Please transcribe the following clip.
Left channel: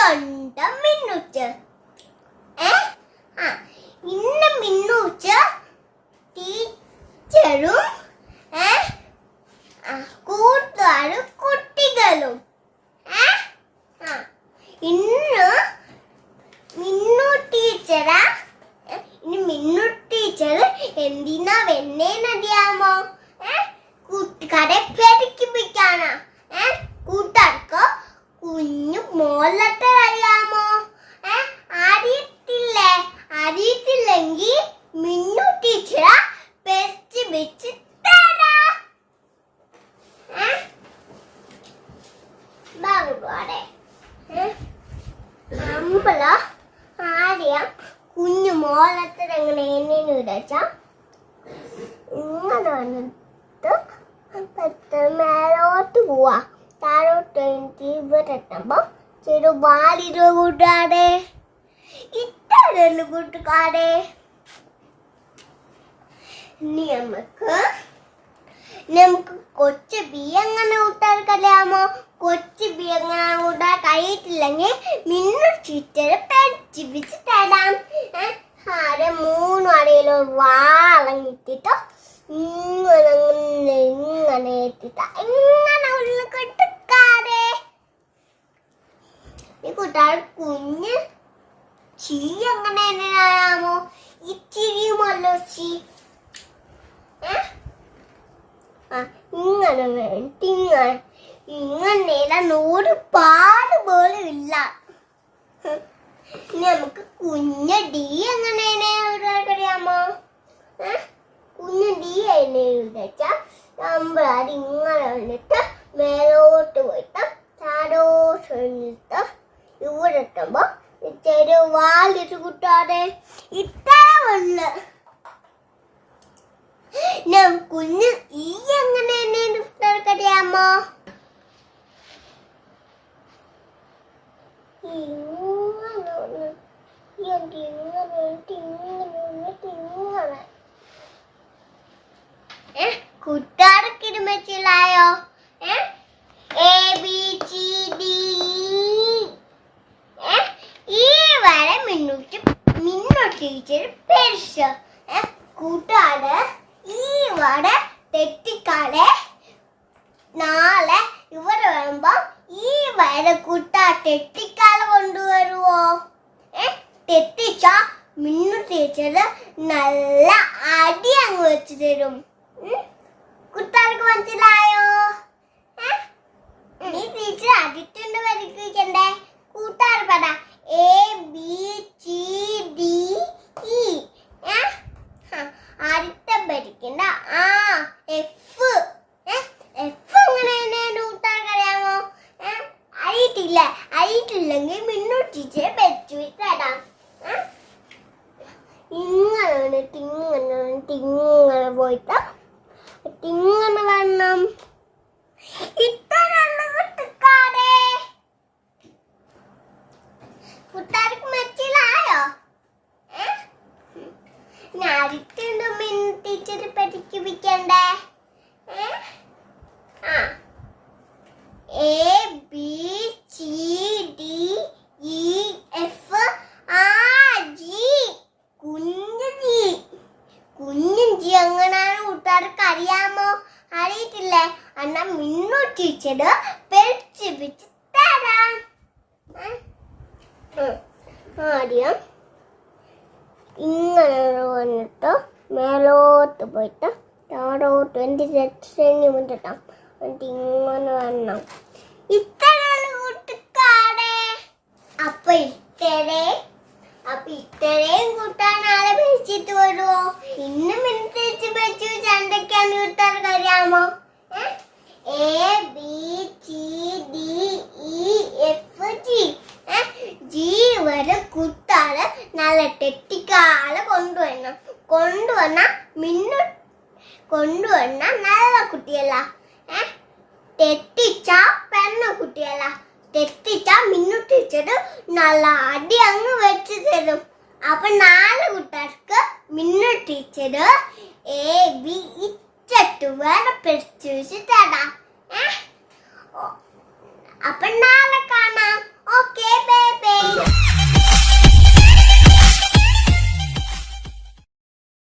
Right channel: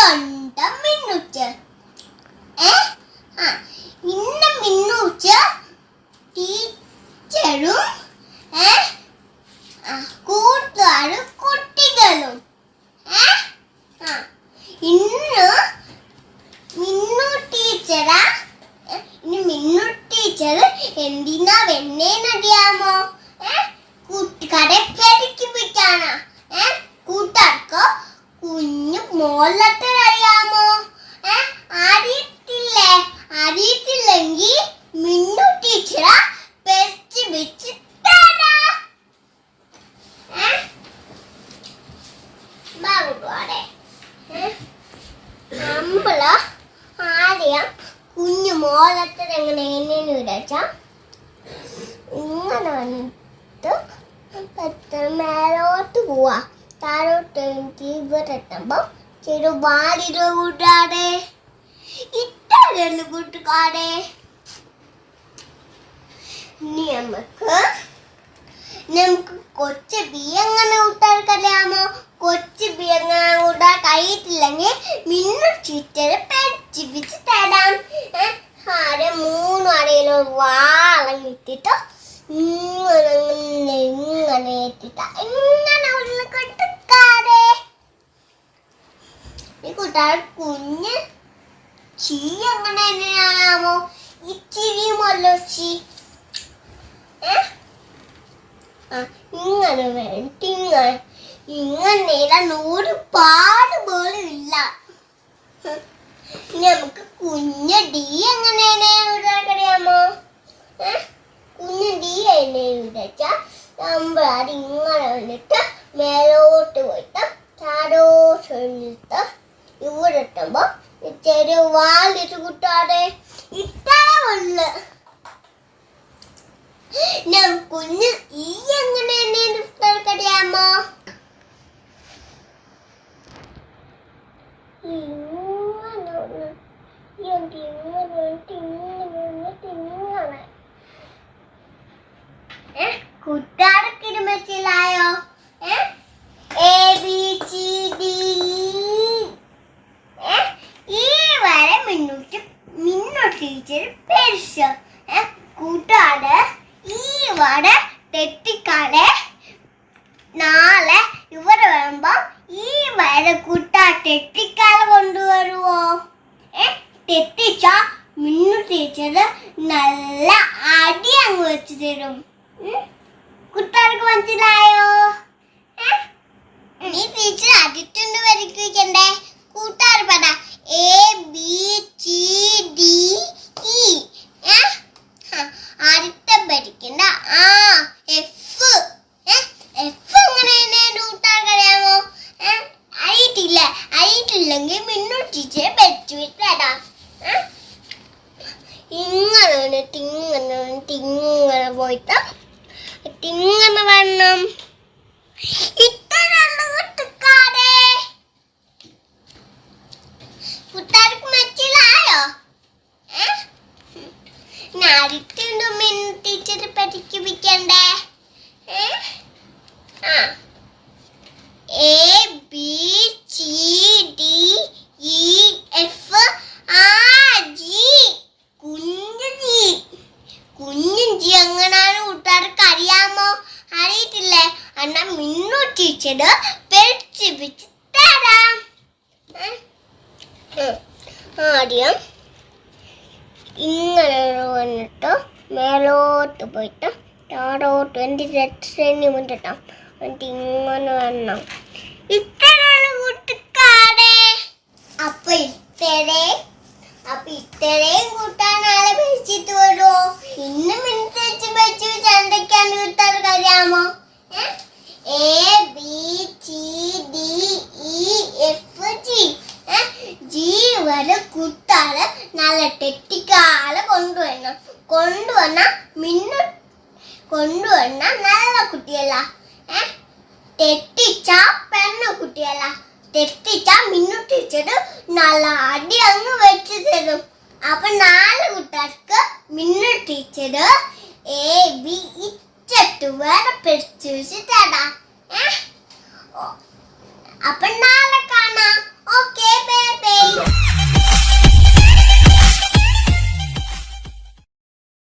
സ്വന്തം മിന്നുച്ച് ഏ? ആ ഇന്ന് മിന്നൂച്ച ടീച്ചറും ഏ? കൂട്ടുകാരും കുട്ടികളും. ഏ? ആ ഇന്ന് മിന്നു ടീച്ചറാ? മിന്നു ടീച്ചർ എന്തിനാ വെണ്ണേന്നറിയാമോ ഏ? കൂട്ടുകാരെ പേടിക്കിപ്പിക്കാനാ ഏ? കൂട്ടുകാർക്ക് കുഞ്ഞു മോളത്തെ അറിയാമോ ഏ അറിയത്തില്ലേ അറിയത്തില്ലെങ്കിൽ മിന്നു ടീച്ചറാ പെച്ച് വെച്ച് തരാ ഏ ബാബുടെ നമ്മൾ ആദ്യം കുഞ്ഞു മോളത്തെ എങ്ങനെ എന്നു വിടച്ച ഇങ്ങനെ വന്നിട്ട് മേലോട്ട് പോവാ. താഴോട്ട് എത്തുമ്പോ ചെറു വാലിരു കൂട്ടാടെ. ഇത്രയുള്ളു കൂട്ടുകാരെ. ഇനി നമുക്ക് നമുക്ക് കൊച്ച് ബി എങ്ങനെ കൊച്ച് കഴിയാമോ കൊച്ചു ബി എങ്ങനെ കൂട്ടാൻ കഴിയത്തില്ലെങ്കിൽ മിന്നു ചുറ്റര് പരിച്ചിപ്പിച്ച് തരാം. ആരെ മൂന്ന് അടയിലും വാളങ്ങിട്ടിട്ട് ഇങ്ങനെ ഇങ്ങനെ ഇങ്ങനെ കൊട്ടുക്കാതെ. ഈ കൂട്ടാൻ കുഞ്ഞ് ഏ? ഇങ്ങനെ വേണ്ടി ഇങ്ങനെ ഇങ്ങനെ ഇടാൻ പാട് പോലും ഇല്ല. ഇനി നമുക്ക് കുഞ്ഞ ഡി എങ്ങനെയാണ് അറിയാമോ കുഞ്ഞ ഡി എന്നെ നമ്മൾ നമ്മളത് ഇങ്ങനെ വന്നിട്ട് മേലോട്ട് പോയിട്ട് ചാരോ ചെന്നിട്ട് ഇവിടെ എത്തുമ്പോ ചെറിയ വാലിച്ച് കൂട്ടാതെ കുഞ്ഞ് ഈ എങ്ങനെ അറിയാമോ കുട്ടാടൊക്കെ മനസ്സിലായോ എ ബി സി ഡി ഈ വരെ ടീച്ചർ പെരുസ് കൂട്ടാട് ഈ വട തെറ്റിക്കാളെ നാളെ ഇവിടെ വരുമ്പോ ഈ വര കൂട്ട തെറ്റിക്കാളെ കൊണ്ടുവരുവോ? ഏ? തെറ്റിച്ച മിന്നു തേച്ചത് നല്ല അടി അങ്ങ് വെച്ച് തരും? കുട്ടികൾക്ക് മനസ്സിലായോ? ഏ? നീ ടീച്ചർ അതിട്ടുണ്ട് വരയ്ക്കണ്ടേ കൂട്ടുകാർ പറ A B C D E ഏ ആ, അടുത്ത പഠിക്കണ്ട ആ എഫ് എഫ് എങ്ങനെ കൂട്ടാൻ കഴിയാമോ ഏ? അറിയത്തില്ല അറിയത്തില്ലെങ്കിൽ മിന്നു ടീച്ചറെ പഠിച്ചു തരാം ഏ? ഇങ്ങനെ വന്നിട്ട് ഇങ്ങനെ പോയിട്ട് ഇങ്ങനെ വരണം കുട്ടിക്കാരെ. കുട്ടാർക്ക് മനസ്സിലായോ ഏ? നാരിട്ടുണ്ട് മിൻ ടീച്ചർ പഠിപ്പിക്കണ്ടേ? ഏ? ആ. A B C D E F ആ ജി കുഞ്ഞു ജി കുഞ്ഞു ജി എങ്ങനെയാണ് കൂട്ടുകാർക്ക് അറിയാമോ? അറിയിട്ടില്ലേ അന്ന മിന്നു ടീച്ചർ പഠിപ്പിച്ച് തരാം. ആദ്യം ഇങ്ങനെ വന്നിട്ട് മേലോട്ട് പോയിട്ട് താഴോട്ട് എന്റെ രക്ഷണി മുന്നിട്ടാം എന്നിട്ട് ഇങ്ങനെ വരണം. ഇത്രയുള്ള കൂട്ടുകാരെ. അപ്പൊ അപ്പൊ ഇത്രയും കൂട്ടാൻ നാളെ വെച്ചിട്ട് വരുമോ ഇന്ന് മിനിറ്റ് വെച്ച് എന്തൊക്കെയാണ് കൂട്ടാൻ അറിയാമോ A B C D E F G G വരെ കുട്ടാൾ നല്ല തെറ്റിക്കാളെ കൊണ്ടുവരണം. കൊണ്ടുവന്ന മിന്നു കൊണ്ടുവന്ന നല്ല കുട്ടിയല്ല തെറ്റിച്ച പെണ്ണ കുട്ടിയല്ല തെറ്റിച്ച മിന്നു ടീച്ചർ നല്ല അടി അങ്ങ് വെച്ച് തരും അപ്പൊ നാല് കുട്ടികൾക്ക് മിന്നു ടീച്ചർ എ ബി ഇറ്റു വേറെ പിടിച്ചു തരാം. അപ്പൊ നാളെ